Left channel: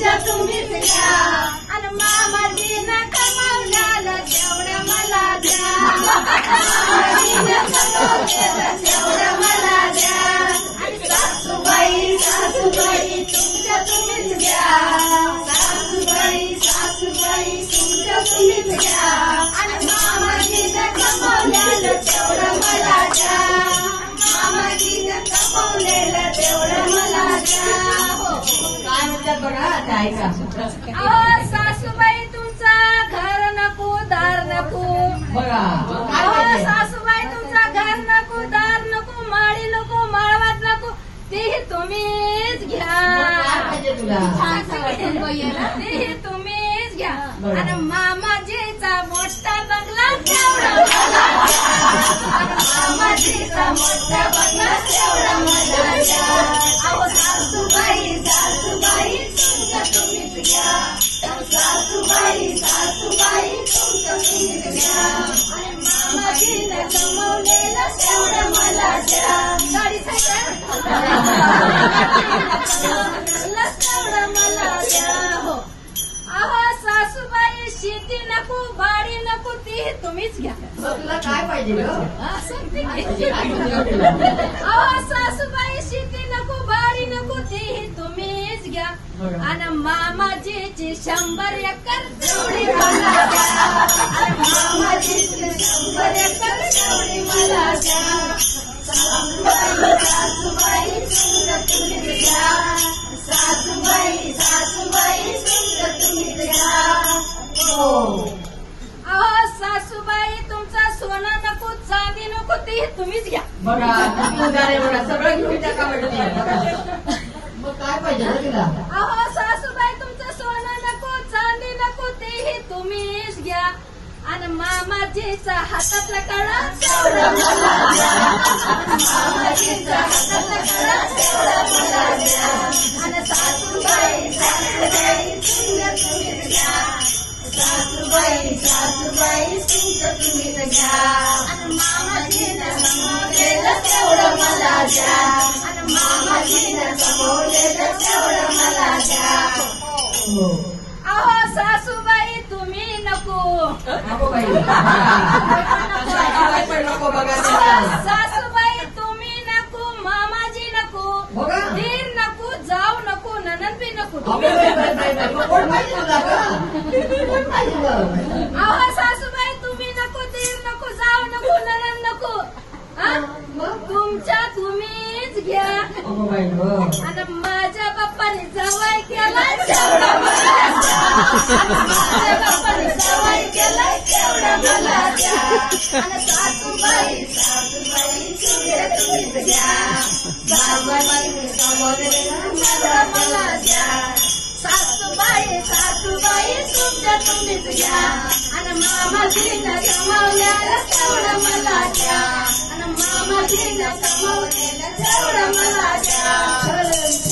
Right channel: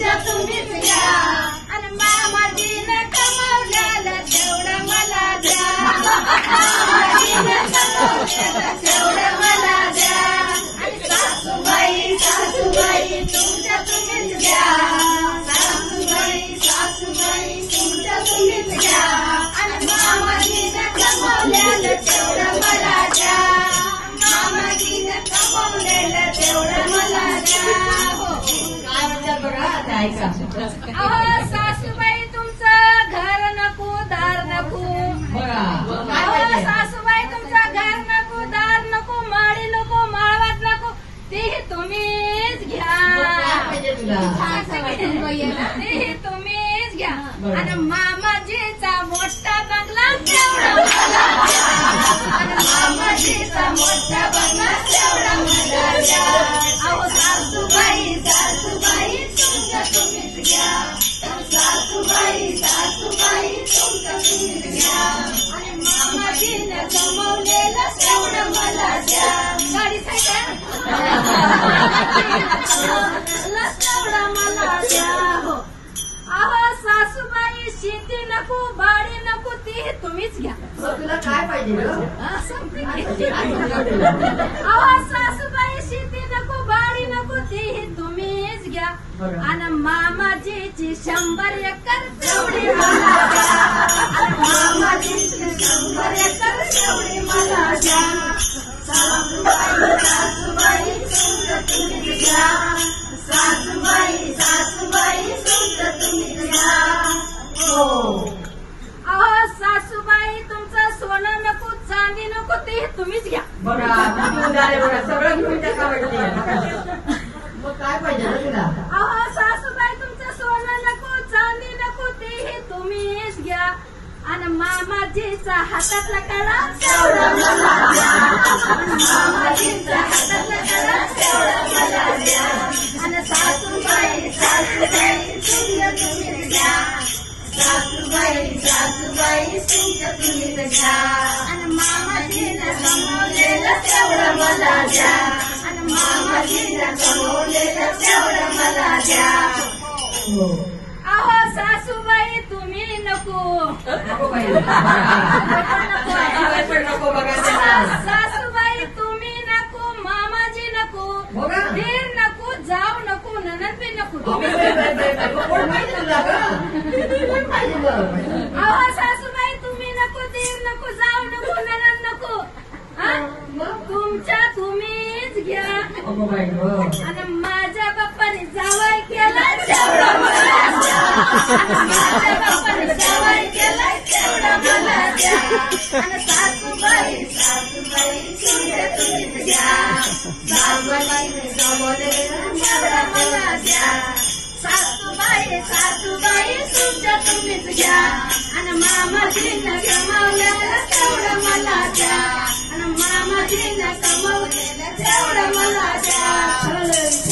तुमच्या तुम्हीच घ्या आणि मामाजीनं कमावल्याला तेवढं मला द्या मामाजीनं कमावल्याला तेवढं मला द्या आणि सासूबाई सासूबाई तुमच्या तुम्हीच घ्या सासूबाई सासूबाई तुमच्या तुम्हीच घ्या आणि मामाजीनं कमावल्याला तेवढं मला द्या मामाजीनं कमावलेलं तेवढं मला द्या काय म्हणतात बघा आता ऐका. अहो सासूबाई तुमचं घर नको दार नको बघा काय अहो पाहिजे? सासूबाई तुमचं घर नको दार नको माळी नको माळवात नको तेही तुम्हीच घ्या काय पाहिजे तुला? तेही तुम्हीच घ्या बरं. आणि मामाजीचा मोठा बंगला तेवढा मला द्या. आणि मामाजीचा मोठा बंगला तेवढा मला द्या. अहो सासूबाई सासूबाई तुमचं तुम्हीच घ्या सासूबाई सासूबाई तुमचं तुम्हीच घ्या आणि मामाजीनं कमवलेलं तेवढं मला द्या गाडी तेवढं मला द्या हो अहो सासूबाई शेती नको बाडी नको ती तुम्हीच घ्या मग तुला काय पाहिजे गं? हा, सांगते की. काय पाहिजे तुला? अहो सासूबाई शेती नको बाडी नको ती तुम्हीच घ्या बरं. आणि मामाजीची 100 एकर तेवढी मला द्या आणि मामाजीची 100 एकर तेवढी मला द्या सासूबाई सासूबाई तुमचं तुम्हीच घ्या सासूबाई सासूबाई तुमचं तुम्हीच घ्या हो. अहो सासूबाई तुमचं सोनं नको चांदी नको ते तुम्हीच घ्या बघा तुम्ही झाले बघा सगळं घेऊन टाका वाटत. मग काय पाहिजे गं तुला? अहो सासूबाई तुमचं सोनं नको चांदी नको तेही तुम्हीच घ्या आणि मामाजीचा हातातला कळा तेवढं मला द्या आणि मामाजीचा हातातला कळा तेवढं मला द्या आणि सासूबाई सासूबाई तुमचं तुम्हीच घ्या सासूबाई सासूबाई तुमचं तुम्हीच घ्या आणि मामाजीनं कमवलेलं तेवढं मला द्या आणि मामाजीनं कमवलेलं तेवढं मला द्या हो. अहो सासूबाई तुम्ही नको नको बाई. सासूबाई पण नको बघा त्याला. सासूबाई तुम्ही नको मामाजी नको बघा. दीर नको जाऊ नको ननद बी नको कोण पाहिजे तुला गं? कोण पाहिजे गं? अहो सासूबाई तुम्ही नको दीर नको जाऊ नको ननद नको हा? तुमच्या तुम्हीच घ्या अगो बाई गं. आणि माझ्या बाप्पाने जावाई केला तेवढं मला द्या माझ्या बाप्पाने जावाई केला तेवढं मला द्या आणि सासूबाई सासूबाई तुमच्या तुम्हीच घ्या सासूबाईने कमवलेलं तेवढं मला द्या सासूबाई सासूबाई तुमच्या तुम्हीच घ्या आणि मामाजीनं कमवलेलं तेवढं मला द्या आणि मामाजीनं कमवलेलं तेवढं मला द्या